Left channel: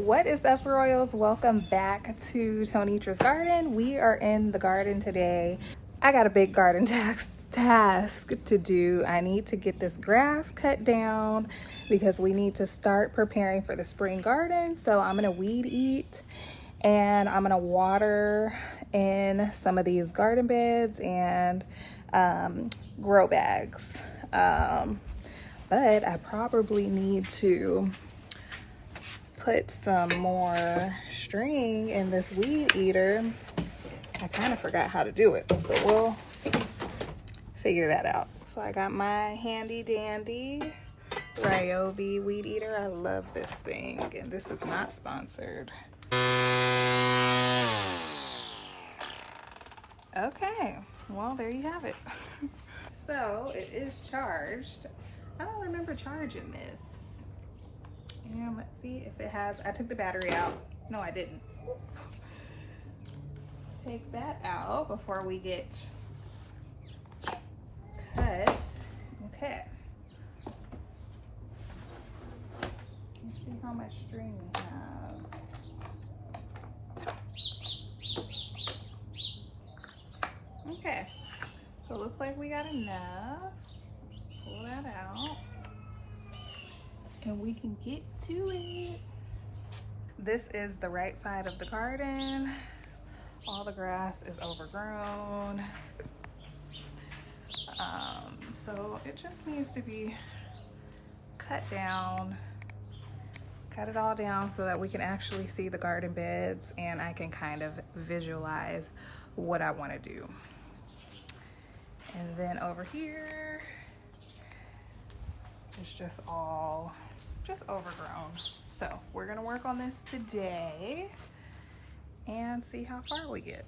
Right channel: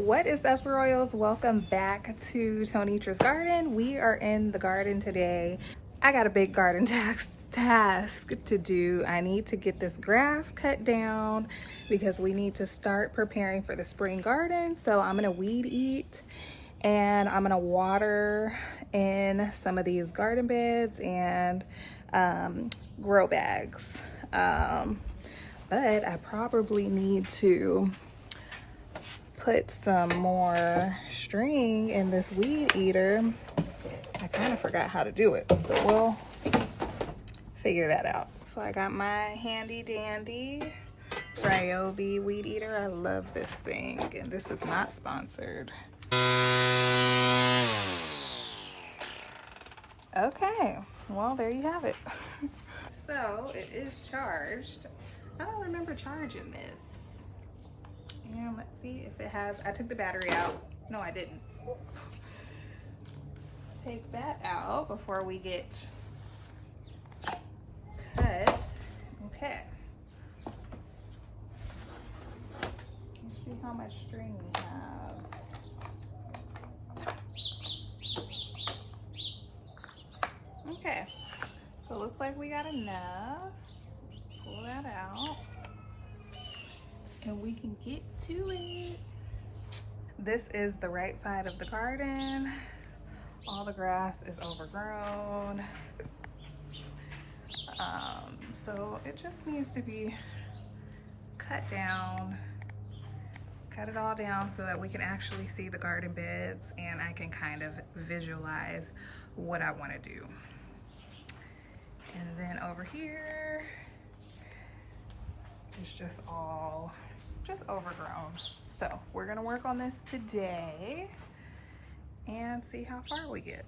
What is up, Royals? Welcome back to Tonitra's garden. We are in the garden today. I got a big garden task to do. I need to get this grass cut down because we need to start preparing for the spring garden. So I'm gonna weed eat and I'm gonna water in some of these garden beds and grow bags. But I probably need to put some more string in this weed eater. I kind of forgot how to do it, so we'll figure that out. So I got my handy dandy Ryobi weed eater. I love this thing, and this is not sponsored. Okay, well, there you have it. So it is charged. I don't remember charging this. And let's see if it has, I took the battery out. No, I didn't. Take that out before we get cut. Okay. Let's see how much string we have. Okay. So it looks like we got enough. Just pull that out. And we can get to it. This is the right side of the garden. All the grass is overgrown. So it just needs to be cut down. Cut it all down so that we can actually see the garden beds and I can kind of visualize what I want to do. And then over here, it's just all overgrown. So we're gonna work on this today and see how far we get.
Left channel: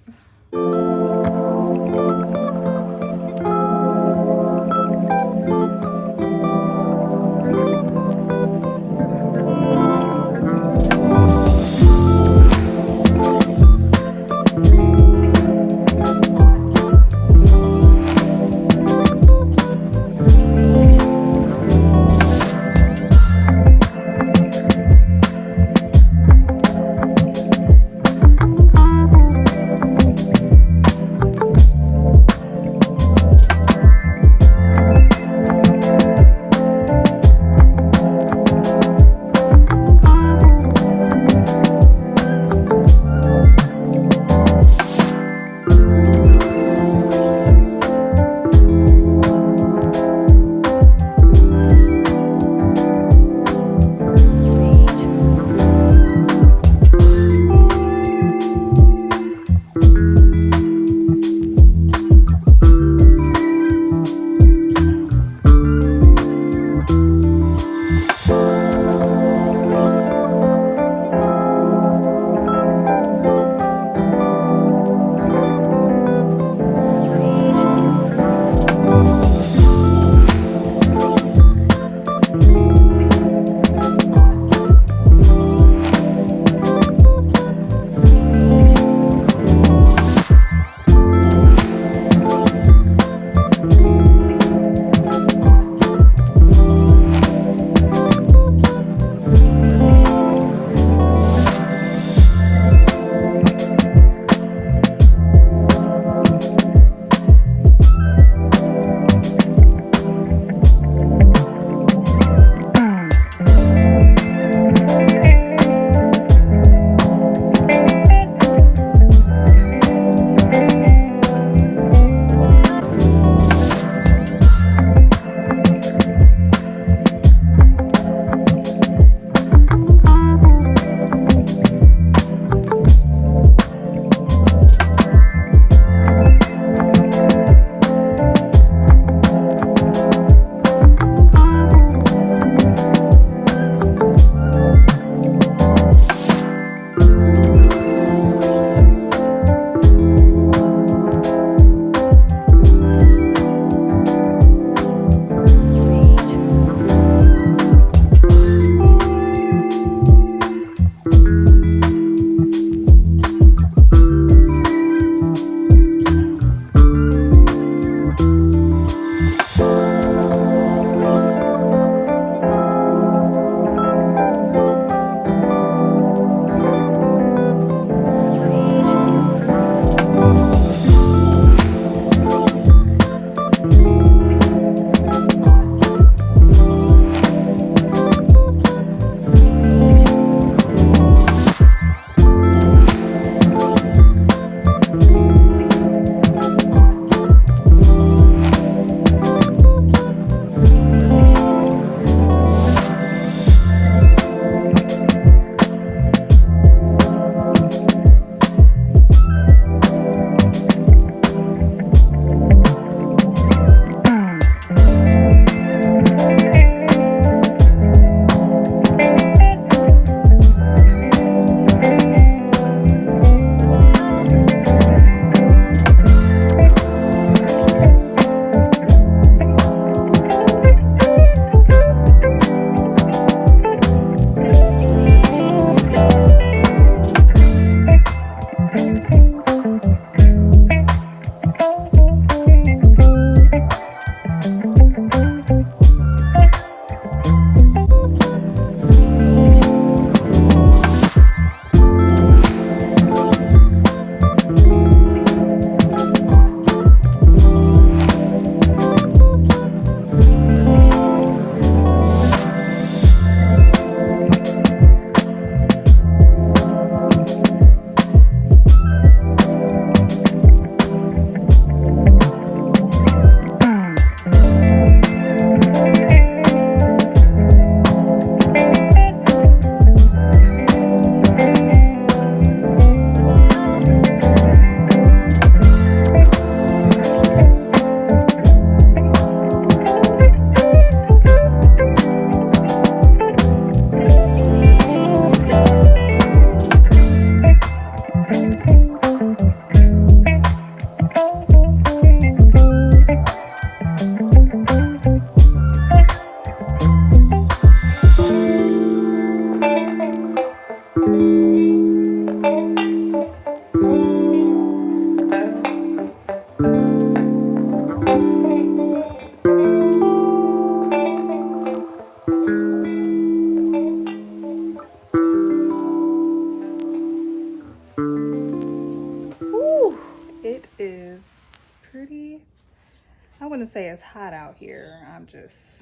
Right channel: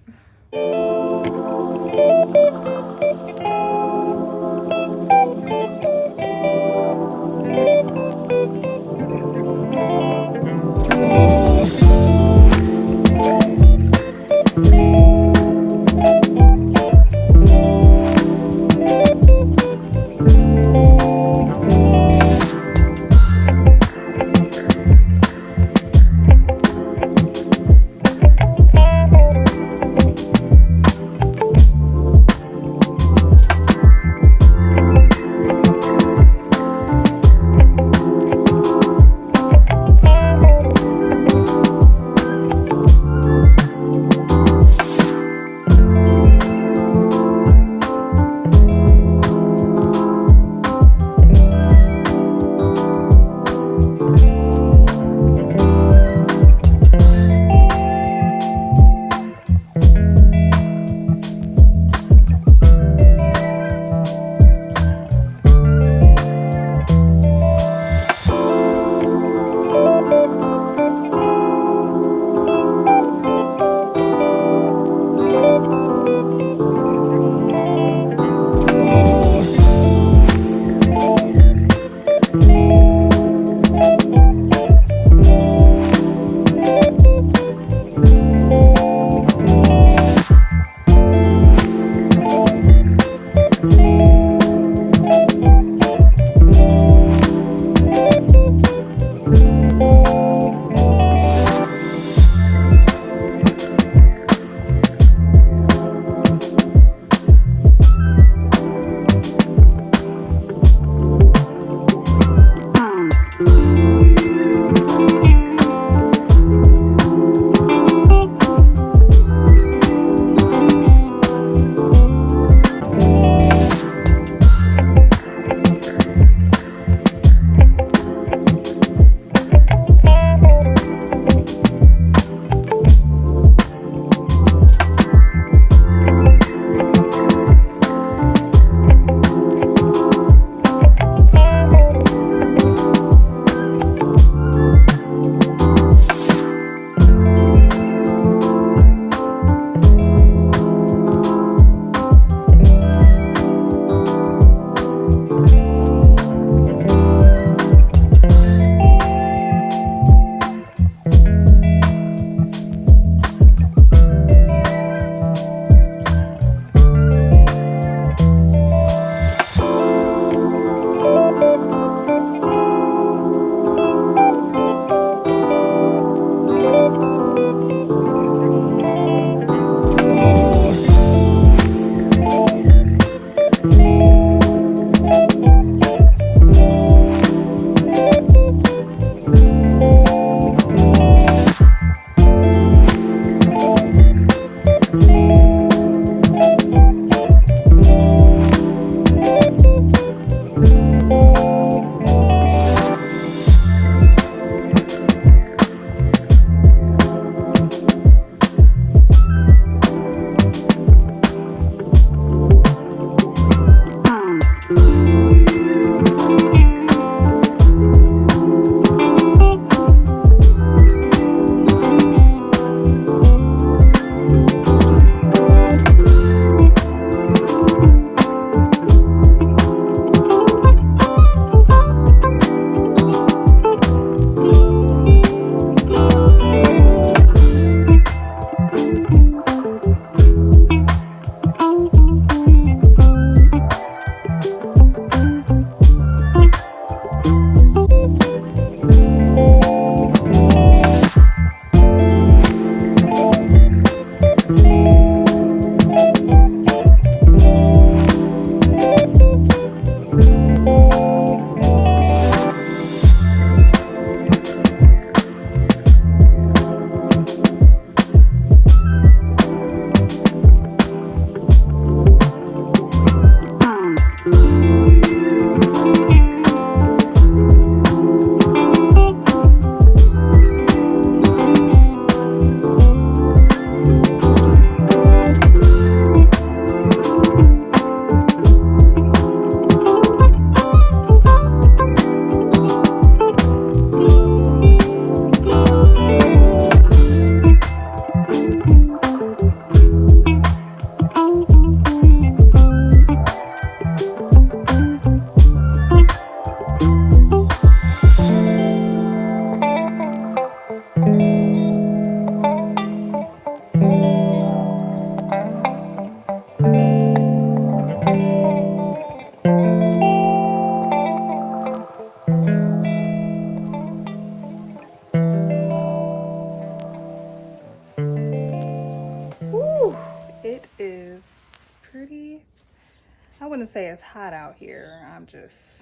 I wouldn't say it's hot out here. I'm just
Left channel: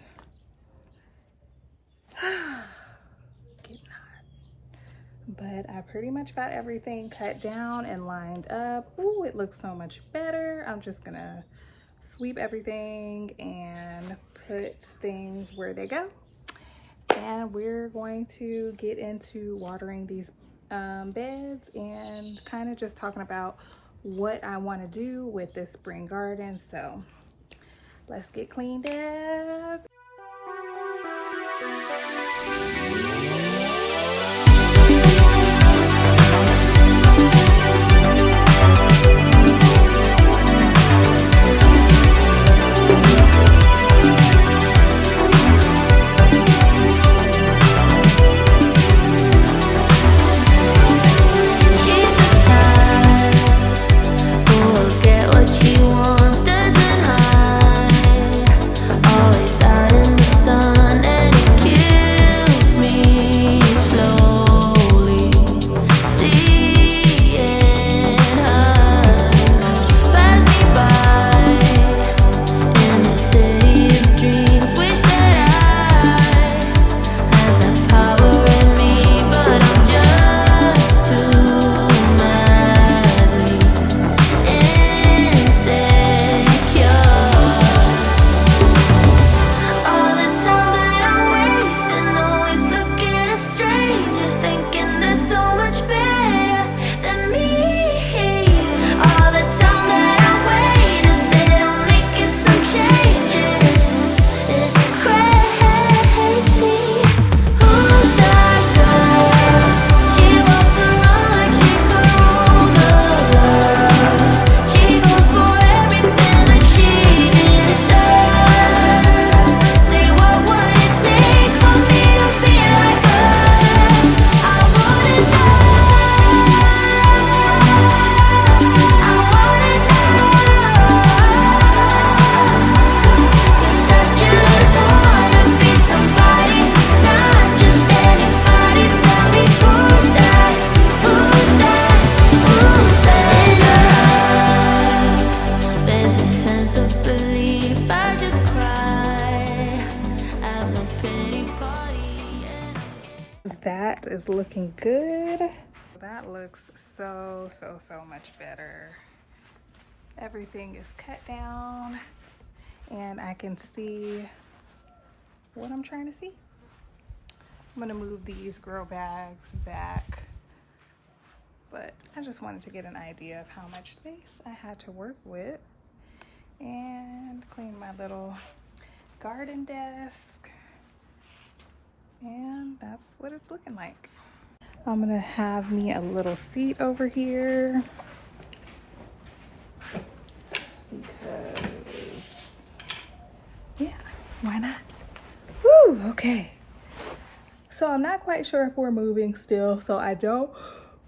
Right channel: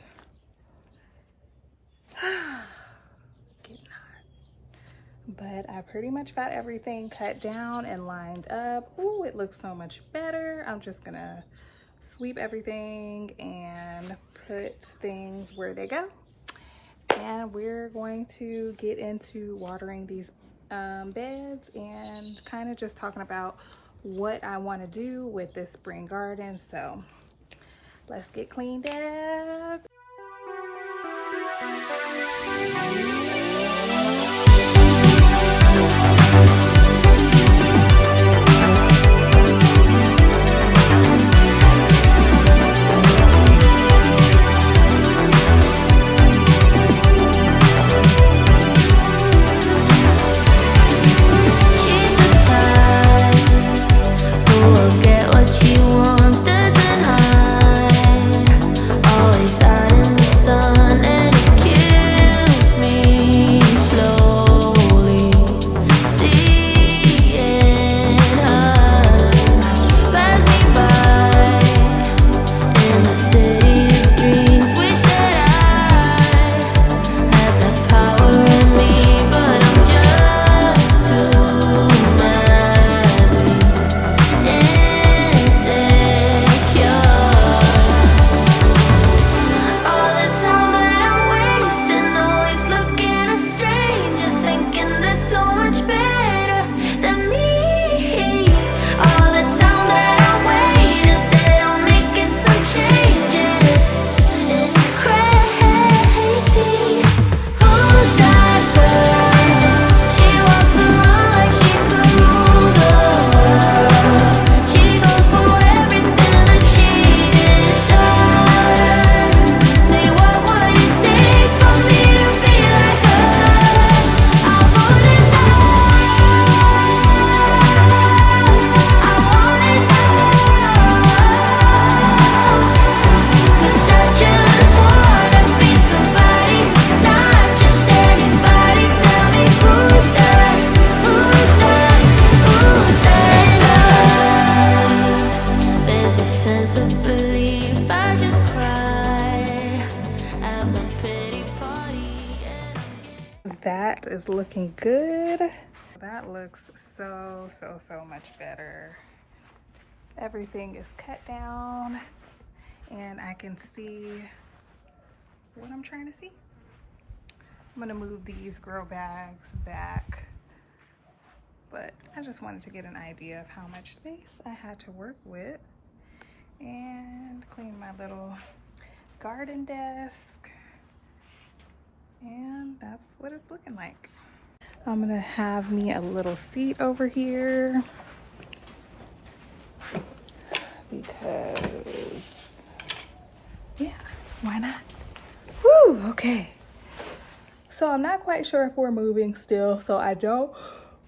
getting hot. But I pretty much got everything cut down and lined up. Ooh, it looks so much better. I'm just gonna sweep everything and put things where they go. And we're going to get into watering these beds and kind of just talking about what I want to do with this spring garden. So let's get cleaned up. That is looking good. That looks so much better. Everything is cut down and I can see what I'm trying to see. I'm gonna move these grow bags back, but I just wanted to get an idea of how much space I had to work with and clean my little garden desk. And that's what it's looking like. I'm gonna have me a little seat over here because, yeah, why not? Woo, okay. So I'm not quite sure if we're moving still, so I don't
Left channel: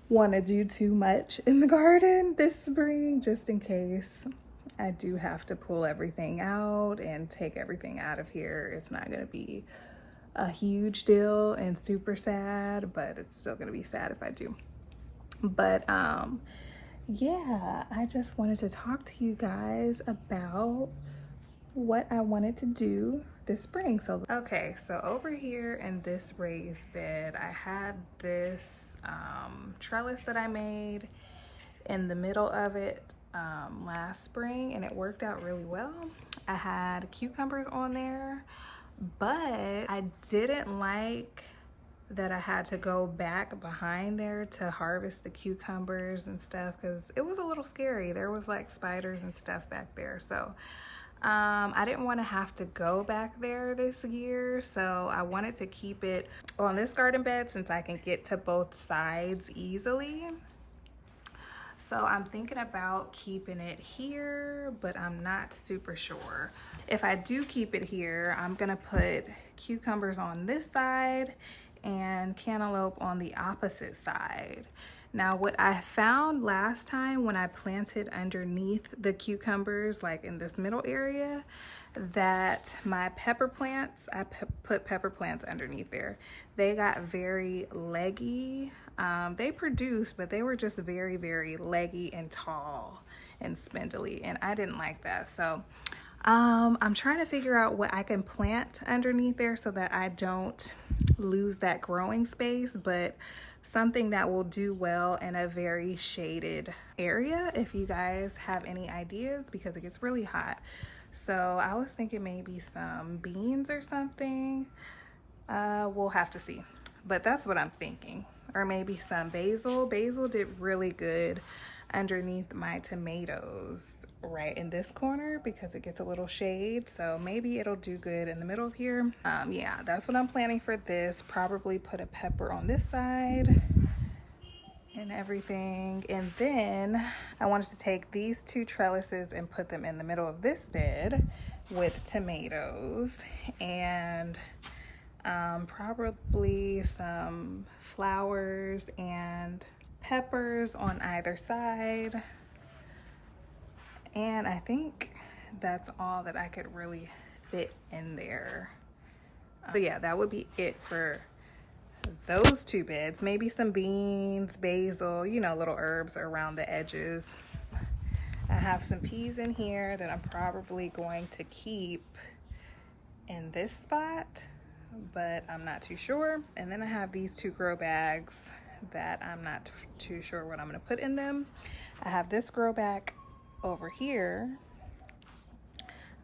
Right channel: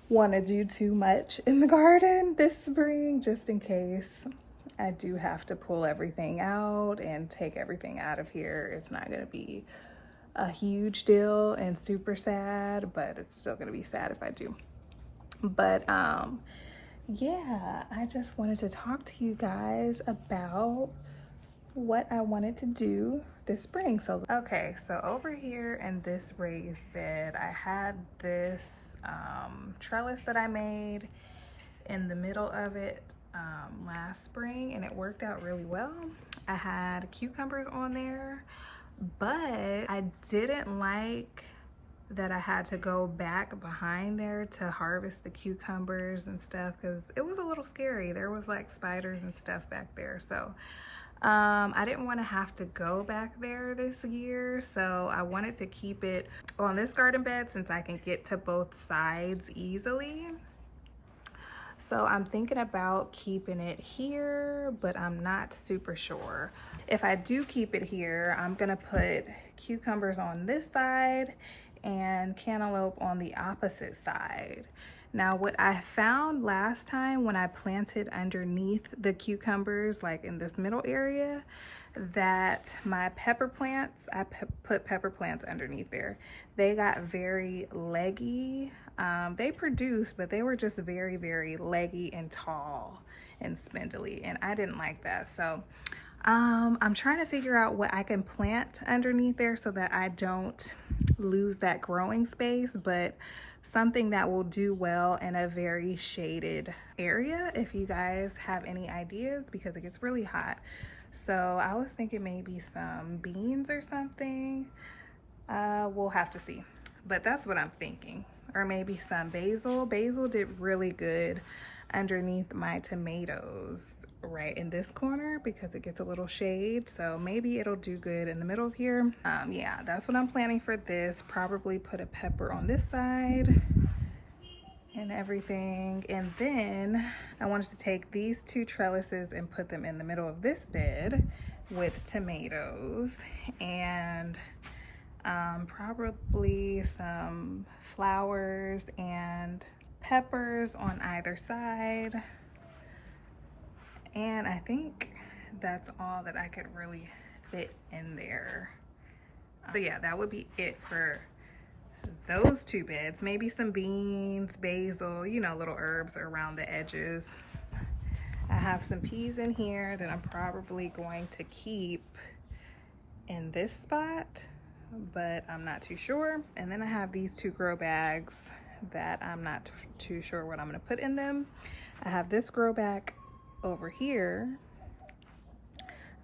want to do too much in the garden this spring, just in case I do have to pull everything out and take everything out of here. It's not gonna be a huge deal and super sad, but it's still gonna be sad if I do. But yeah, I just wanted to talk to you guys about what I wanted to do this spring. So okay, so over here in this raised bed, I had this trellis that I made in the middle of it last spring, and it worked out really well. I had cucumbers on there, but I didn't like that I had to go back behind there to harvest the cucumbers and stuff because it was a little scary. There was like spiders and stuff back there. So I didn't want to have to go back there this year. So I wanted to keep it on this garden bed since I can get to both sides easily. So I'm thinking about keeping it here, but I'm not super sure. If I do keep it here, I'm gonna put cucumbers on this side and cantaloupe on the opposite side. Now, what I found last time when I planted underneath the cucumbers, like in this middle area, that my pepper plants, I put pepper plants underneath there, they got very leggy. They produced, but they were just very leggy and tall and spindly, and I didn't like that. So I'm trying to figure out what I can plant underneath there so that I don't lose that growing space, but something that will do well in a very shaded area, if you guys have any ideas, because it gets really hot. So I was thinking maybe some beans or something. We'll have to see, but that's what I'm thinking. Or maybe some basil. Basil did really good underneath my tomatoes right in this corner because it gets a little shade, so maybe it'll do good in the middle of here. Yeah, that's what I'm planning for this. Probably put a pepper on this side and everything. And then I wanted to take these two trellises and put them in the middle of this bed with tomatoes and probably some flowers and peppers on either side. And I think that's all that I could really fit in there. So yeah, that would be it for those two beds. Maybe some beans, basil, you know, little herbs around the edges. I have some peas in here that I'm probably going to keep in this spot, but I'm not too sure. And then I have these two grow bags that I'm not too sure what I'm gonna put in them. I have this grow bag over here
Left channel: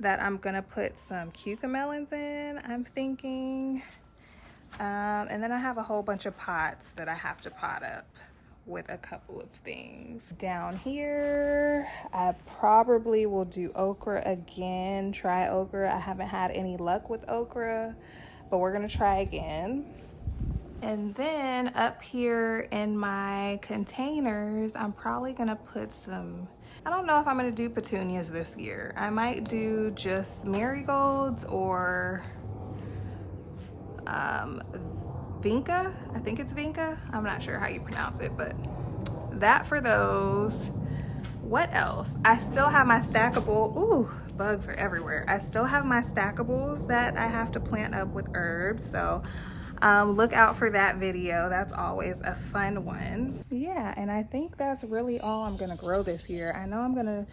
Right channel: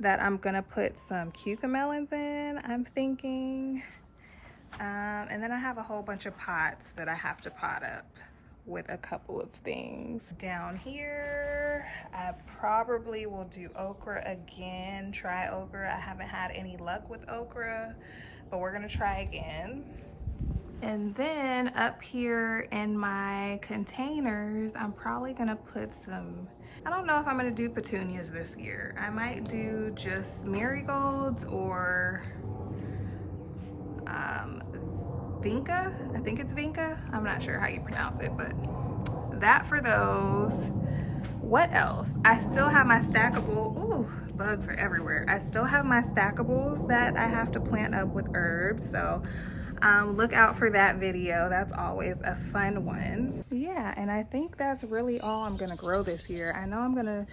that I'm gonna put some cucamelons in, I'm thinking. And then I have a whole bunch of pots that I have to pot up with a couple of things. Down here, I probably will do okra again, try okra. I haven't had any luck with okra, but we're gonna try again. And then up here in my containers, I'm probably gonna put some, I don't know if I'm gonna do petunias this year. I might do just marigolds or vinca. I think it's vinca. I'm not sure how you pronounce it, but that for those. What else? I still have my stackable, ooh, bugs are everywhere. I still have my stackables that I have to plant up with herbs. So look out for that video. That's always a fun one. Yeah, and I think that's really all I'm gonna grow this year. I know I'm gonna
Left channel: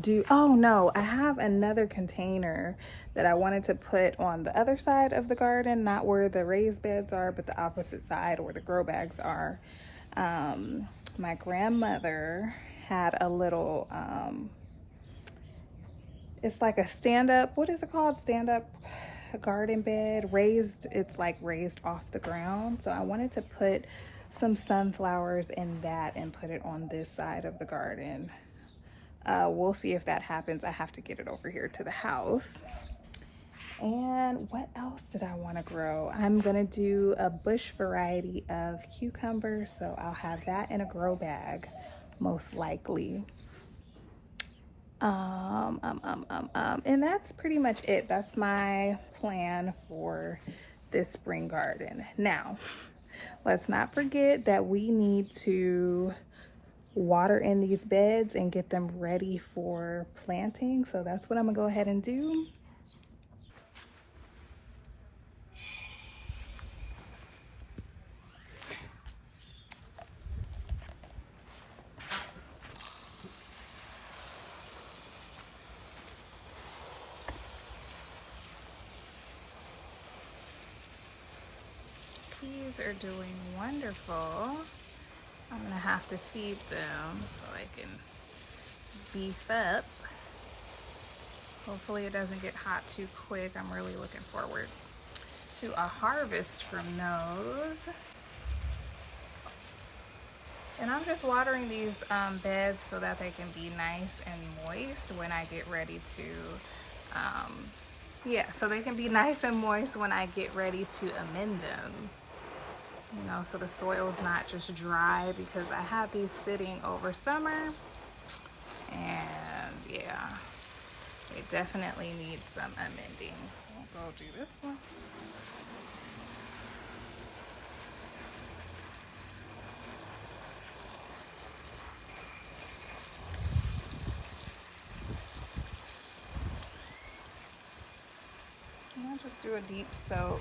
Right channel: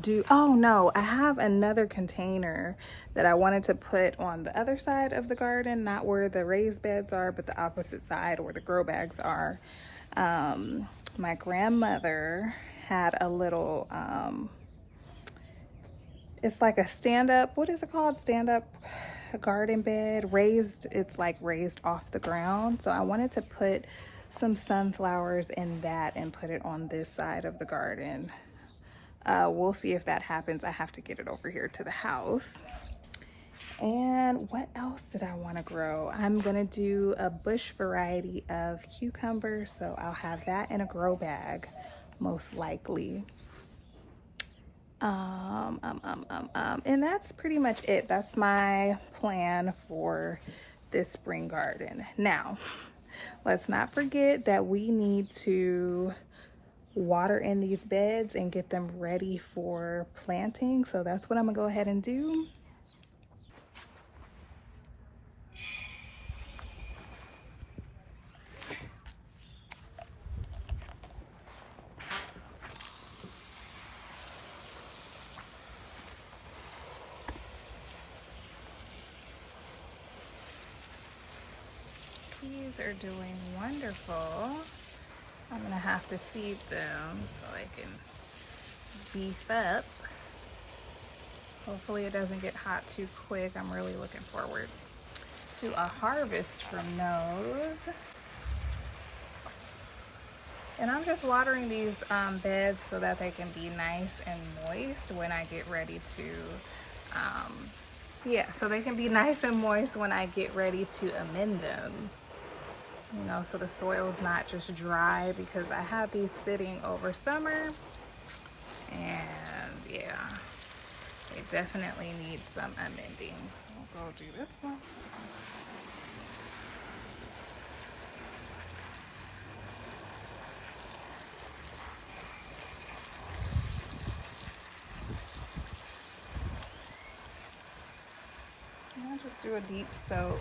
do, oh no, I have another container that I wanted to put on the other side of the garden, not where the raised beds are, but the opposite side where the grow bags are. My grandmother had a little, it's like a stand-up, what is it called? Stand-up garden bed, raised, it's like raised off the ground. So I wanted to put some sunflowers in that and put it on this side of the garden. We'll see if that happens. I have to get it over here to the house. And what else did I want to grow? I'm gonna do a bush variety of cucumbers, so I'll have that in a grow bag most likely. And that's pretty much it. That's my plan for this spring garden. Now, let's not forget that we need to water in these beds and get them ready for planting. So that's what I'm gonna go ahead and do. Peas are doing wonderful. I'm gonna have to feed them so I can beef up. Hopefully it doesn't get hot too quick. I'm really looking forward to a harvest from those. And I'm just watering these beds so that they can be nice and moist when I get ready to, yeah, so they can be nice and moist when I get ready to amend them. You know, so the soil's not just dry, because I have these sitting over summer, and yeah, they definitely need some amending. So I'll go do this one. And I'll just do a deep soak.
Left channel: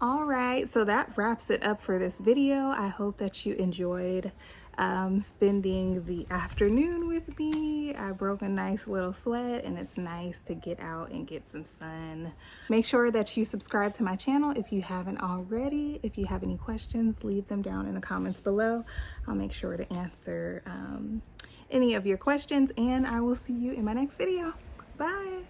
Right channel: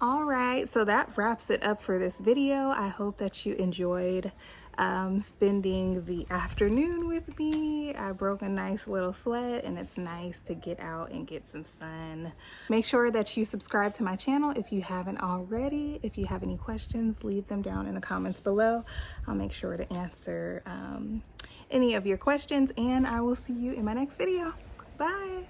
All right, so that wraps it up for this video. I hope that you enjoyed spending the afternoon with me. I broke a nice little sweat, and it's nice to get out and get some sun. Make sure that you subscribe to my channel if you haven't already. If you have any questions, leave them down in the comments below. I'll make sure to answer any of your questions, and I will see you in my next video. Bye.